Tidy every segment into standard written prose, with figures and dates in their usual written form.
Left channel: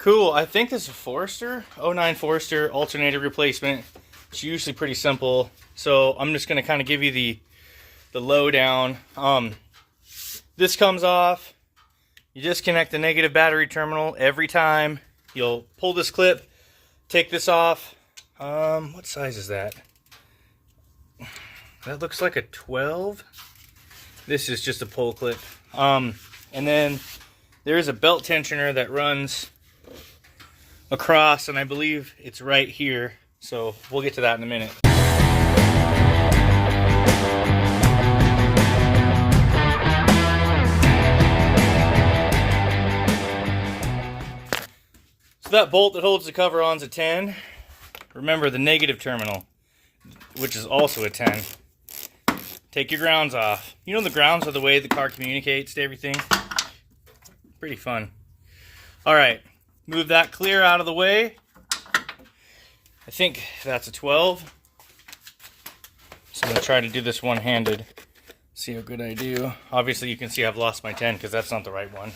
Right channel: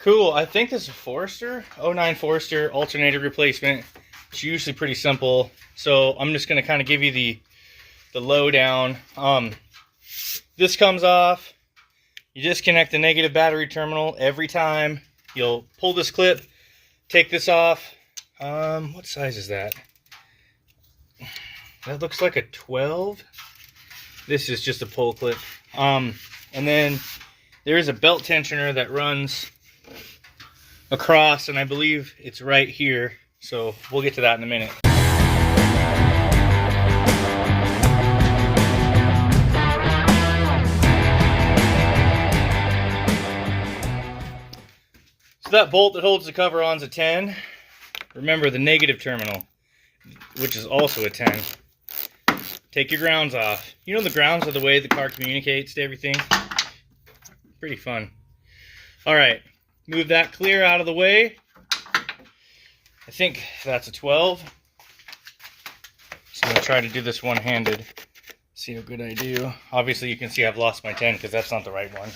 Cool. I think this is a Forester, '09 Forester alternator replacement. It's usually pretty simple. So I'm just going to kind of give you the lowdown. This comes off. You disconnect the negative battery terminal every time. You'll pull this clip, take this off. What size is that? That looks like a 12. This is just a pull clip. And then there is a belt tensioner that runs across, and I believe it's right here. So we'll get to that in a minute. So that bolt that holds the cover on is a 10. Remember the negative terminal, which is also a 10. Take your grounds off. You know the grounds are the way the car communicates to everything. Pretty fun. All right, move that clear out of the way. I think that's a 12. So I'm gonna try to do this one-handed. See how good I do. Obviously you can see I've lost my 10 because that's not the right one.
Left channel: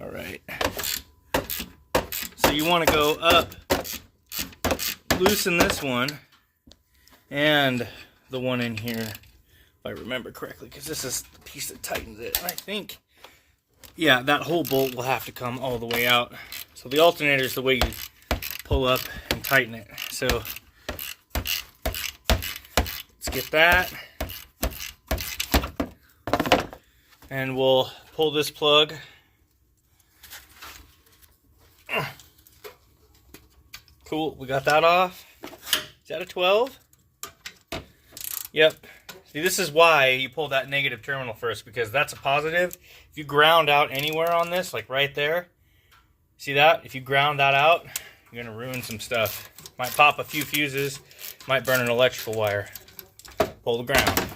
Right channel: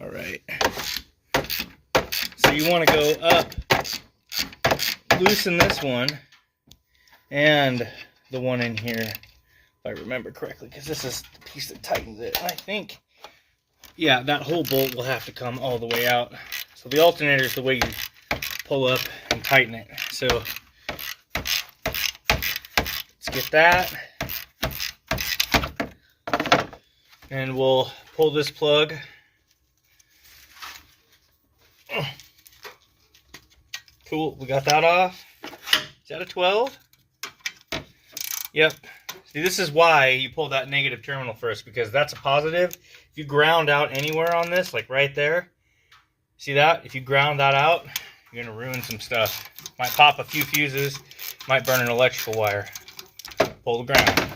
All right. So you want to go up, loosen this one, and the one in here, if I remember correctly, because this is the piece that tightens it. And I think, yeah, that whole bolt will have to come all the way out. So the alternator is the way you pull up and tighten it. So let's get that. And we'll pull this plug. Cool, we got that off. Is that a 12? Yep. See, this is why you pull that negative terminal first, because that's a positive. If you ground out anywhere on this, like right there, see that? If you ground that out, you're gonna ruin some stuff. Might pop a few fuses, might burn an electrical wire. Pull the ground.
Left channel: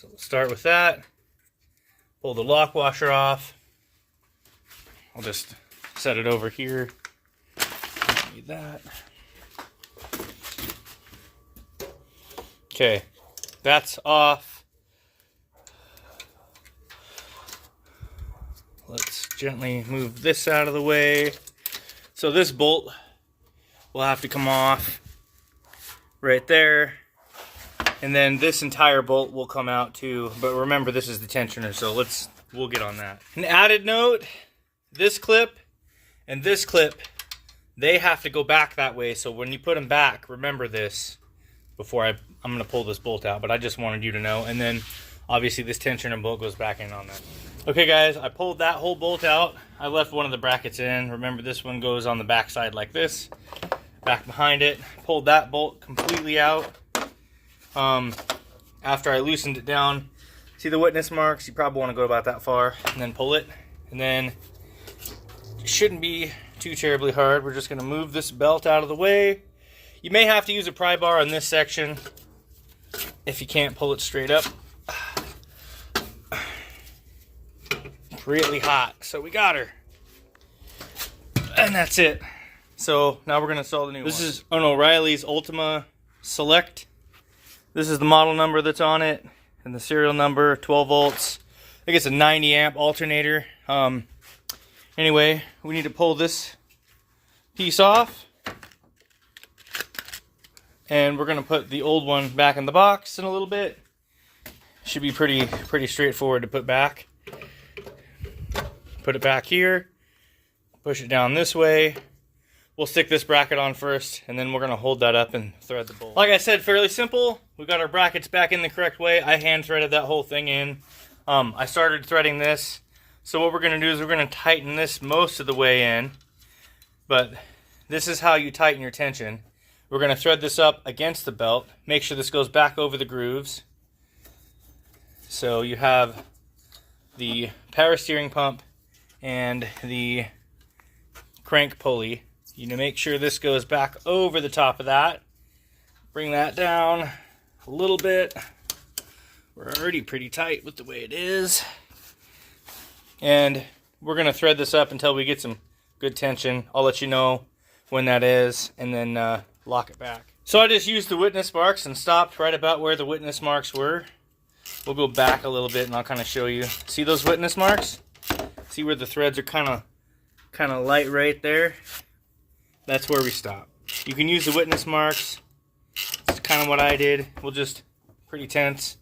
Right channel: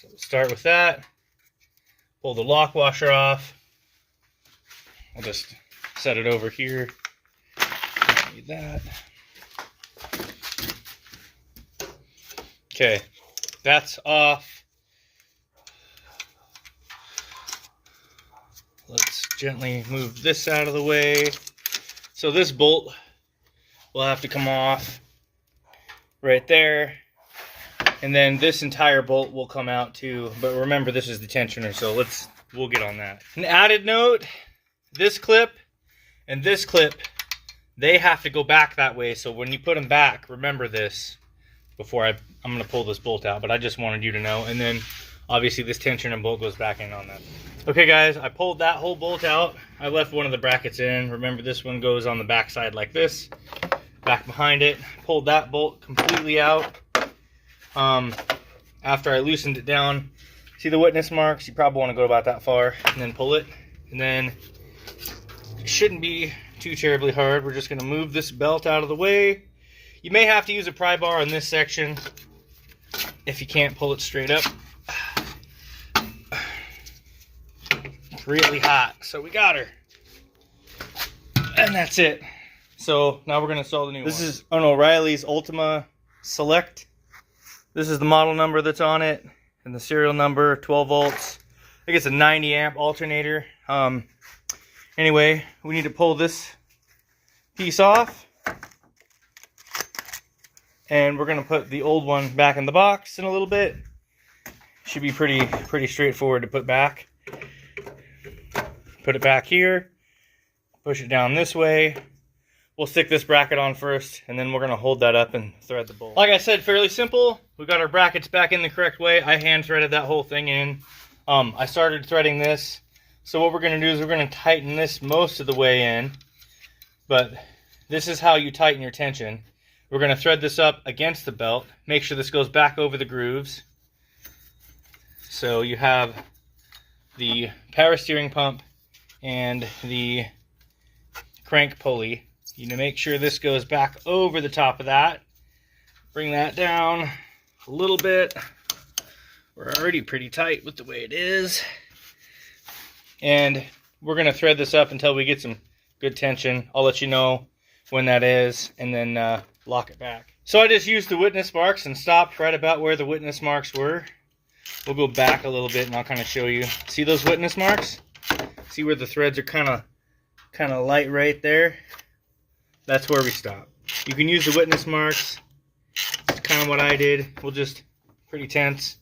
So we'll start with that. Pull the lock washer off. I'll just set it over here. Don't need that. Okay, that's off. Let's gently move this out of the way. So this bolt will have to come off right there. And then this entire bolt will come out too. But remember, this is the tensioner, so we'll get on that. An added note, this clip and this clip, they have to go back that way. So when you put them back, remember this before I'm going to pull this bolt out. But I just wanted you to know. And then obviously this tensioner bolt goes back in on that. Okay guys, I pulled that whole bolt out. I left one of the brackets in. Remember, this one goes on the back side like this. Back behind it. Pulled that bolt completely out. After I loosened it down, see the witness marks? You probably want to go about that far and then pull it. And then it shouldn't be too terribly hard. We're just going to move this belt out of the way. You may have to use a pry bar on this section if you can't pull it straight up. It's really hot, so we got her. And that's it. So now we're going to install the new one. This is an O'Reilly's Ultima Select. This is the model number that's on it, and the serial number, 12 volts. I think it's a 90 amp alternator. Anyway, we need to pull this piece off. And we're gonna put the old one back in the box in a little bit. Should be pretty straightforward to put back. Put it back here, push it down this way. We'll stick this bracket on first, and then we're gonna hold that up and thread the bolt. Like I said, fairly simple. We got our brackets back in the correct way. I hand threaded that whole thing in. I started threading this. So what we're gonna do is we're gonna tighten this most of the way in, but this is how you tighten your tension. We're gonna thread this up against the belt. Make sure this goes back over the grooves. So you have the power steering pump and the crank pulley. You need to make sure this goes back over the top of that. Bring that down a little bit. We're already pretty tight with the way it is. And we're gonna thread this up until we get some good tension. I'll let you know when that is, and then lock it back. So I just used the witness marks and stopped right about where the witness marks were. We'll go back a little bit and I'll kind of show you. See those witness marks? See where the threads are kind of light right there? That's where we stop. You can use the witness marks. It's kind of what I did. We'll just, pretty tense.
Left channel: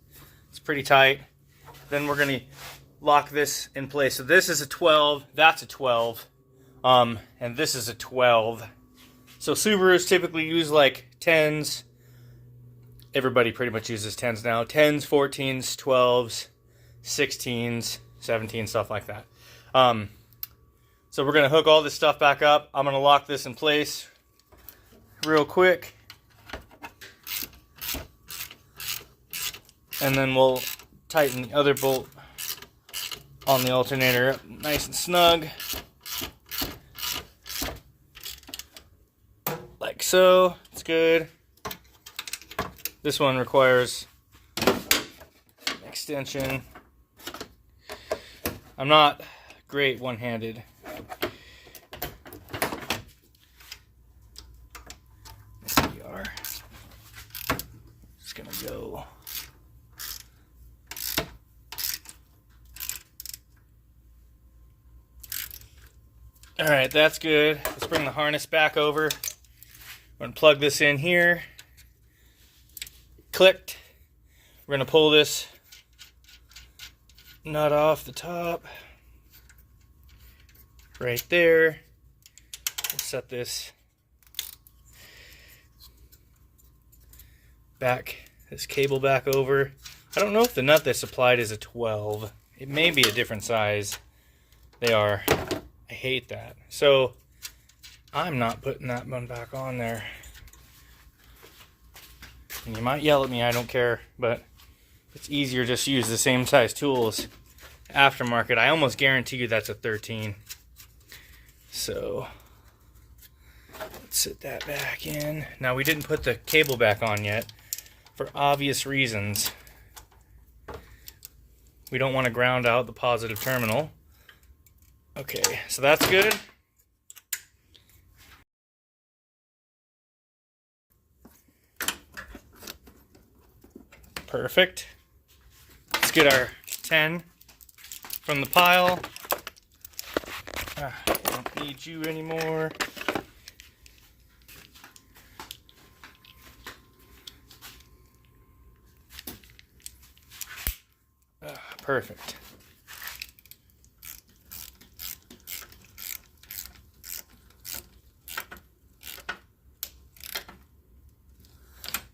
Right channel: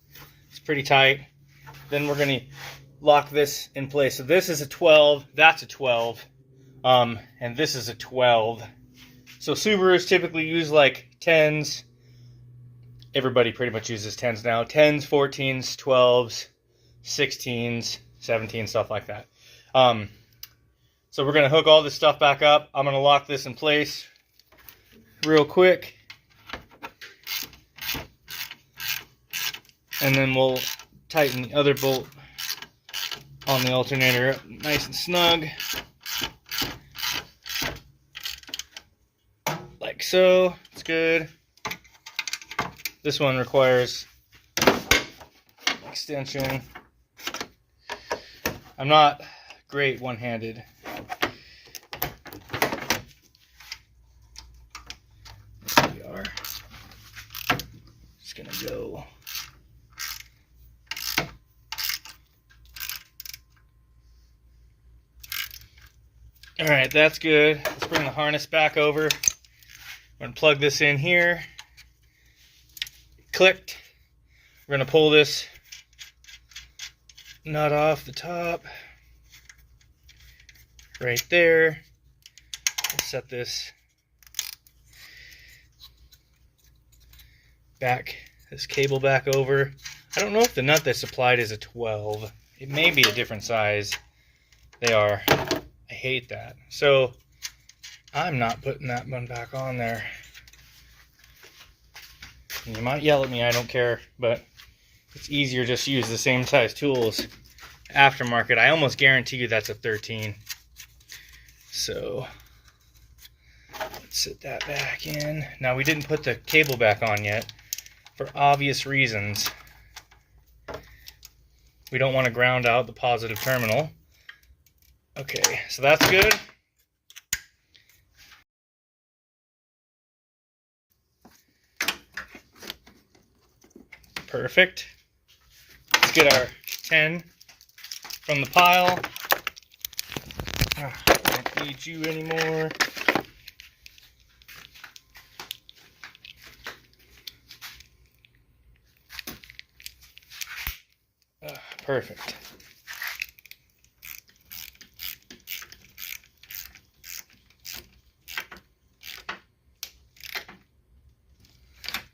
It's pretty tight. Then we're going to lock this in place. So this is a 12, that's a 12, and this is a 12. So Subarus typically use like 10s. Everybody pretty much uses 10s now. 10s, 14s, 12s, 16s, 17s, stuff like that. So we're going to hook all this stuff back up. I'm going to lock this in place real quick. And then we'll tighten the other bolt on the alternator up nice and snug. Like so. It's good. This one requires extension. I'm not great one-handed. There we are. Just gonna go. All right, that's good. Let's bring the harness back over. We're gonna plug this in here. It clicked. We're gonna pull this nut off the top. Right there. We'll set this back, this cable back over. I don't know if the nut that's supplied is a 12. It may be a different size. They are. I hate that. So I'm not putting that one back on there. And you might yell at me, I don't care, but it's easier just to use the same size tools. Aftermarket, I almost guarantee you that's a 13. So let's sit that back in. Now we didn't put the cable back on yet for obvious reasons. We don't want to ground out the positive terminal. Okay, so that's good. Perfect. Let's get our 10 from the pile. I don't need you anymore. Perfect.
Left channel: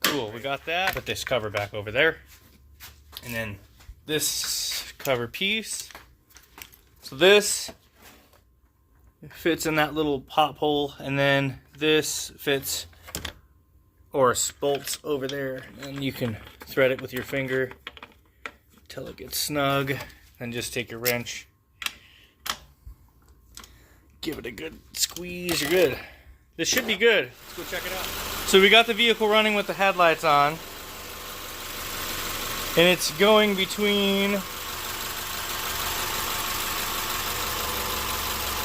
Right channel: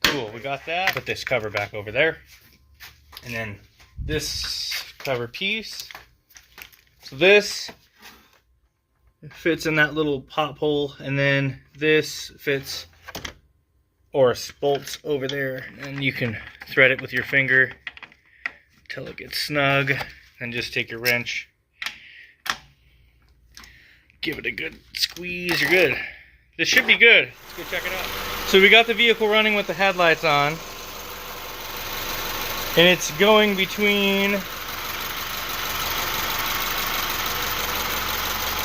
Cool, we got that. Put this cover back over there. And then this cover piece. So this fits in that little pop hole, and then this fits or bolts over there, and you can thread it with your finger until it gets snug. Then just take your wrench, give it a good squeeze. You're good. This should be good. Let's go check it out. So we got the vehicle running with the headlights on, and it's going between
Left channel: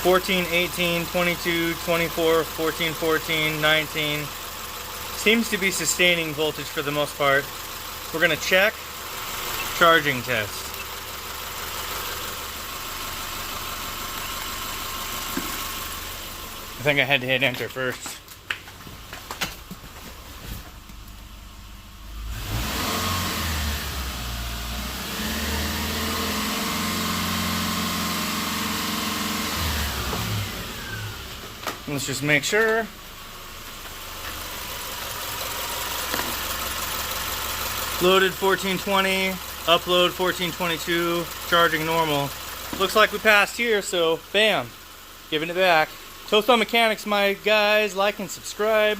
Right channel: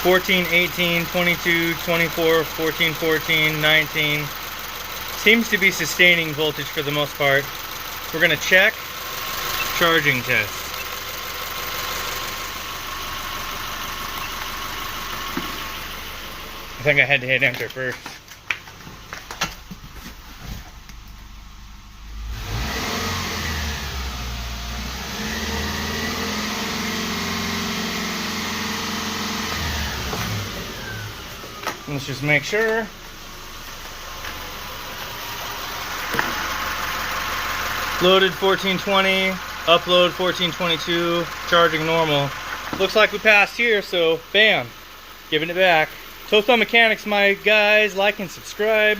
14, 18, 22, 24, 14, 14, 19. Seems to be sustaining voltage for the most part. We're going to check charging test. I think I had to hit enter first. Let's just make sure. Loaded 1420, upload 1422, charging normal. Looks like we passed here, so bam, giving it back. Toast on Mechanics, my guys. Like and subscribe.